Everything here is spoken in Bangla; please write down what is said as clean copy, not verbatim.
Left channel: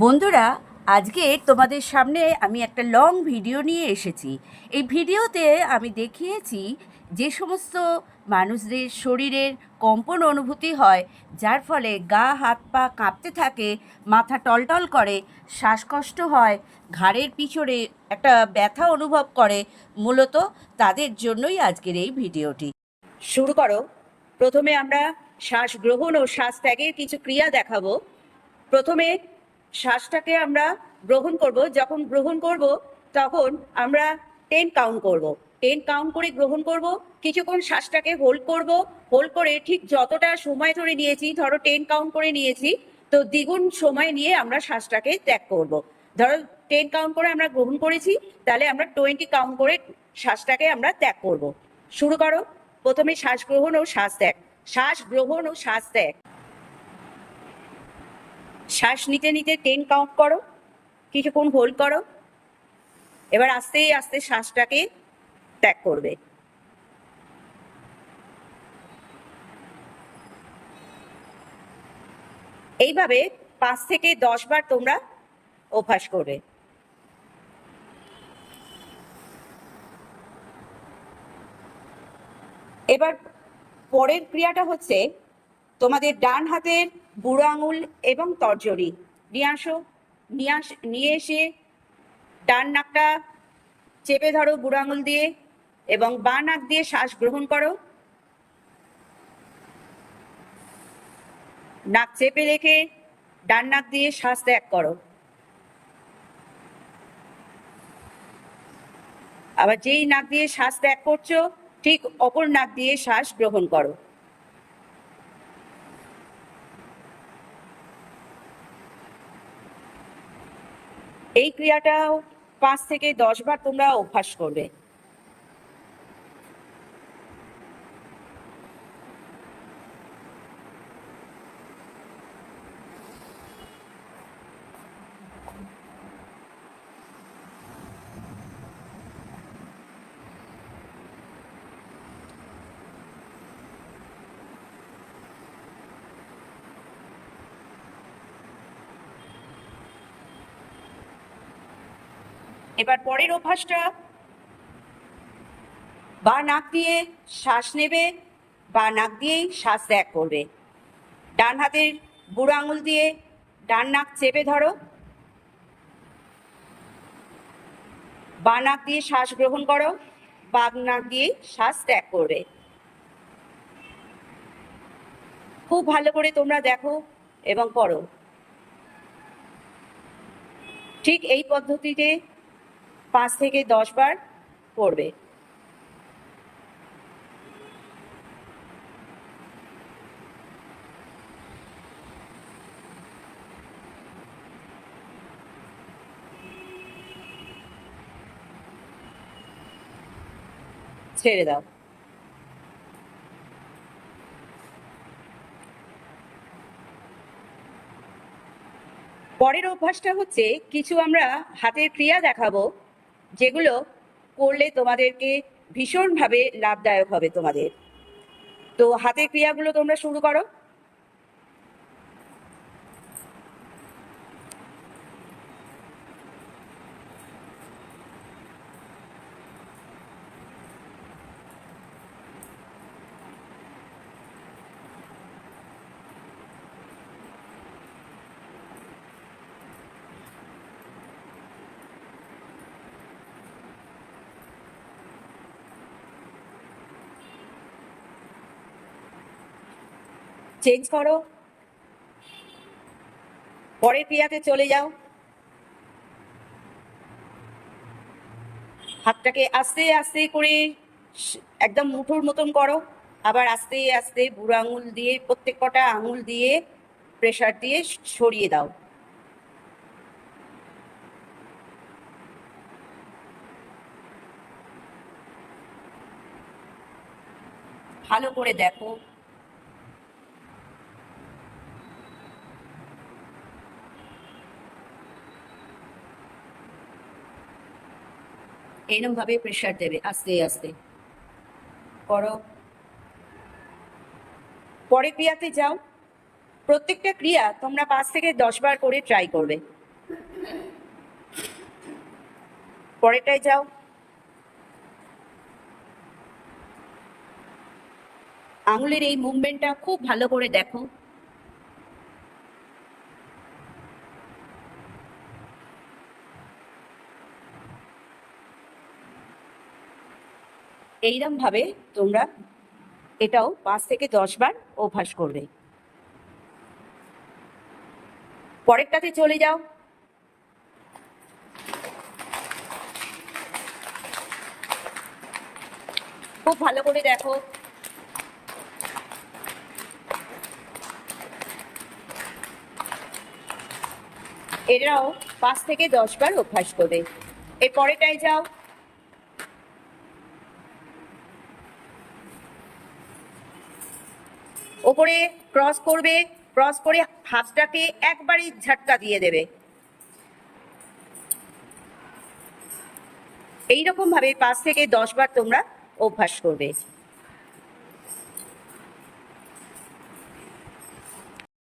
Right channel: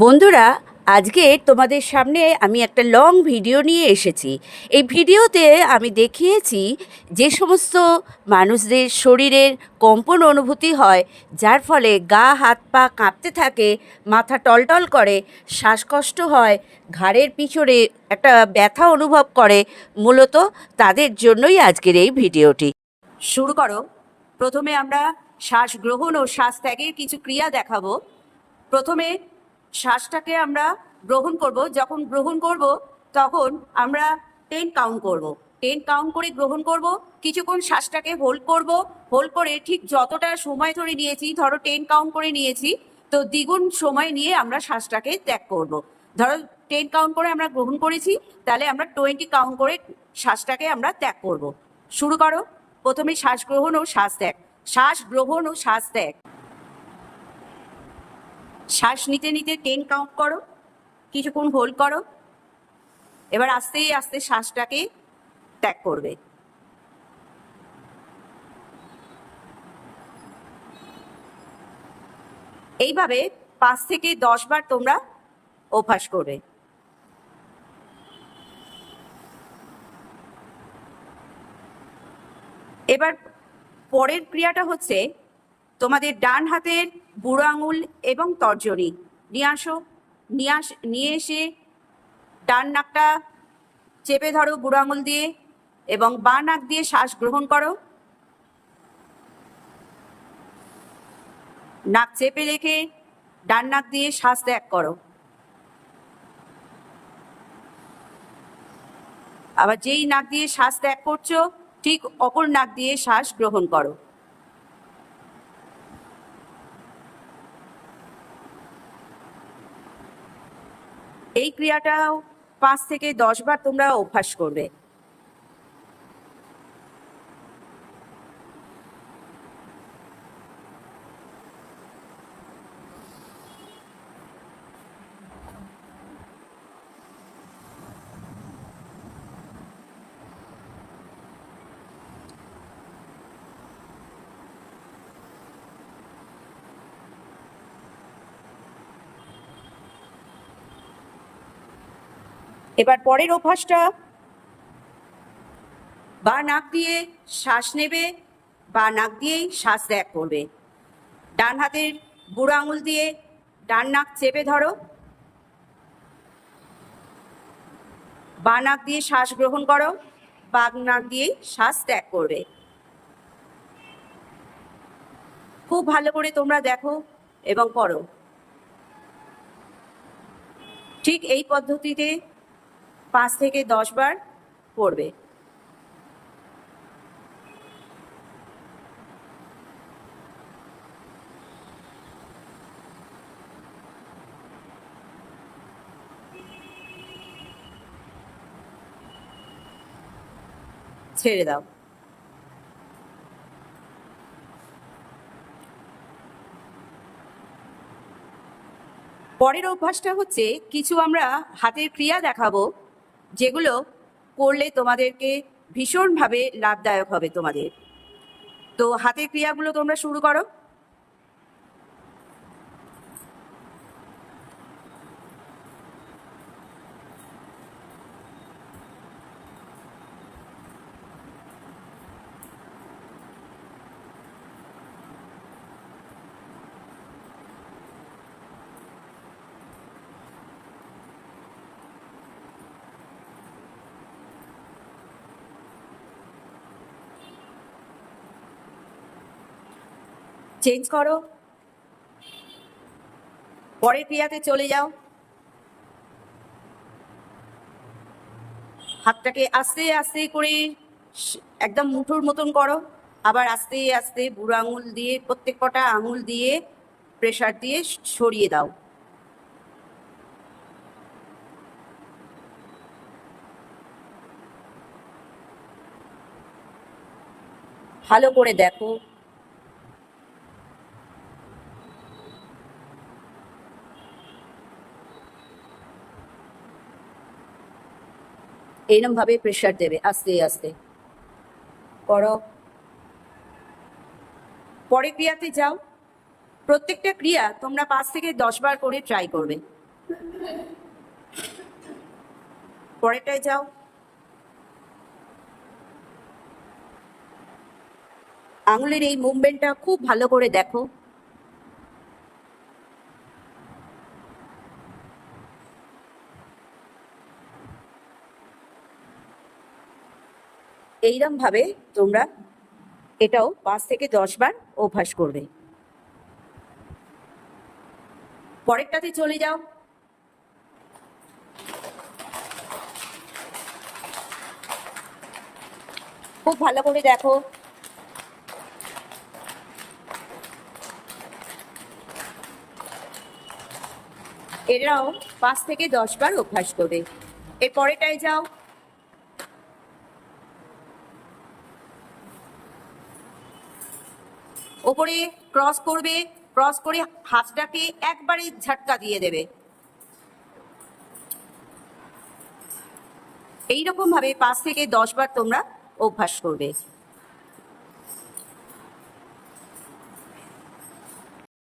বন্ধুরা, আজকে তোমাদের সামনে আমি একটা লং ভিডিও নিয়ে এসেছি। এই ভিডিওতে আমি দেখিয়েছি যে সমস্ত মানুষদের শরীরের কম্পন অনুভূতি হয়, যার ফলে গা হাত পা কাঁপতে থাকে, মাথা টলটল করে, শ্বাসকষ্ট হয়, ঘাড়ের পিছনে একটা ব্যথা অনুভব করে। মূলত তাদের জন্যই আজকের এই ভিডিওটি। শুরু করো। প্রথমে আমরা শ্বাস গ্রহণ ও শ্বাস ত্যাগের কিছু ক্রিয়া দেখাবো। প্রথমে শ্বাসটাকে আমরা গ্রহণ করব। যখন গ্রহণ করব তখন আমরা 10 কাউন্ট করব। 10 কাউন্ট করে গ্রহণ করব, কিছুক্ষণ শ্বাসটাকে হোল্ড করব। হোল্ড করে ঠিক যতটা সময় ধরে নিয়েছি, ধরো 10 কাউন্ট করে নিয়েছি, তো দ্বিগুণ সময় নিয়ে আমরা শ্বাসটাকে ত্যাগ করব। ধরো 10 কাউন্ট করে আমরা গ্রহণ করেছি, তাহলে আমরা 20 কাউন্ট করে শ্বাসটাকে আমরা ত্যাগ করব। শুরু করো। প্রথমে শ্বাস গ্রহণ ও শ্বাস ত্যাগ। শ্বাস গ্রহণ ও শ্বাস ত্যাগ। শ্বাস নিতে নিতে 10 কাউন্ট করো, কিছুক্ষণ হোল্ড করো, এবার আস্তে আস্তে শ্বাসটাকে ত্যাগ করবে। এইভাবে 5 থেকে 10 বার তোমরা অভ্যাস করবে। এবার পরের ক্রিয়াটা হচ্ছে তোমাদের ডান হাতের বুড়ো আঙুল এবং তর্জনী নিয়ে আসো। নিয়ে এসে ডান নাকটা চেপে ধরো বুড়ো আঙুল দিয়ে, এবং বাঁ নাক দিয়ে শ্বাস গ্রহণ করো। নাক চেপে রেখে ডান নাক দিয়ে শ্বাস ত্যাগ করো। আবার যেই নাক দিয়ে শ্বাস ত্যাগ করছো, ঠিক অপর নাক দিয়ে শ্বাস গ্রহণ করো। এই ক্রিয়াটাও 5 থেকে 10 বার তোমরা অভ্যাস করবে। এবার পরের অভ্যাসটা, বা নাক দিয়ে শ্বাস নেবে, বা নাক দিয়েই শ্বাস ত্যাগ করবে। ডান হাতের বুড়ো আঙুল দিয়ে ডান নাক চেপে ধরো, বা নাক দিয়ে শ্বাস গ্রহণ করো, বা নাক দিয়েই শ্বাস ত্যাগ করবে। খুব ভালো করে তোমরা দেখো এবং করো। ঠিক এই পদ্ধতিতে 5 থেকে 10 বার করবে। ছেড়ে দাও। পরের অভ্যাসটা হচ্ছে কিছু আমরা হাতের ক্রিয়া দেখাবো, যেগুলো করলে তোমাদেরকে ভীষণভাবে লাভদায়ক হবে তোমাদের। তো হাতের ক্রিয়াগুলো তোমরা শুরু করো। চেঞ্জ করো, পরের ক্রিয়াতে চলে যাও। হাতটাকে আস্তে আস্তে করে একদম মুঠোর মতন করো, আবার আস্তে আস্তে বুড়ো আঙুল দিয়ে প্রত্যেক কটা আঙুল দিয়ে প্রেসার দিয়ে সরিয়ে দাও। ভালো করে দেখো। এরকম ভাবে প্রেসার দেবে আস্তে আস্তে করো। পরের ক্রিয়াতে যাও। প্রত্যেকটা ক্রিয়া তোমরা 5 থেকে 10 বার করে ট্রাই করবে। পরেরটায় যাও। আঙুলের এই মুভমেন্টটা খুব ভালো করে দেখো। এইরকম ভাবে তোমরা এটাও 5 থেকে 10 বার অভ্যাস করবে। পরেরটাতে চলে যাও। খুব ভালো করে দেখো। এরাও 5 থেকে 10 বার অভ্যাস করবে। এর পরেরটায় যাও। ওপরে ক্রস করবে, ক্রস করে হাতটাকে একবারই ঝাটকা দিয়ে দেবে। এইরকম ভাবে 5 থেকে 10 বার তোমরা অভ্যাস করবে।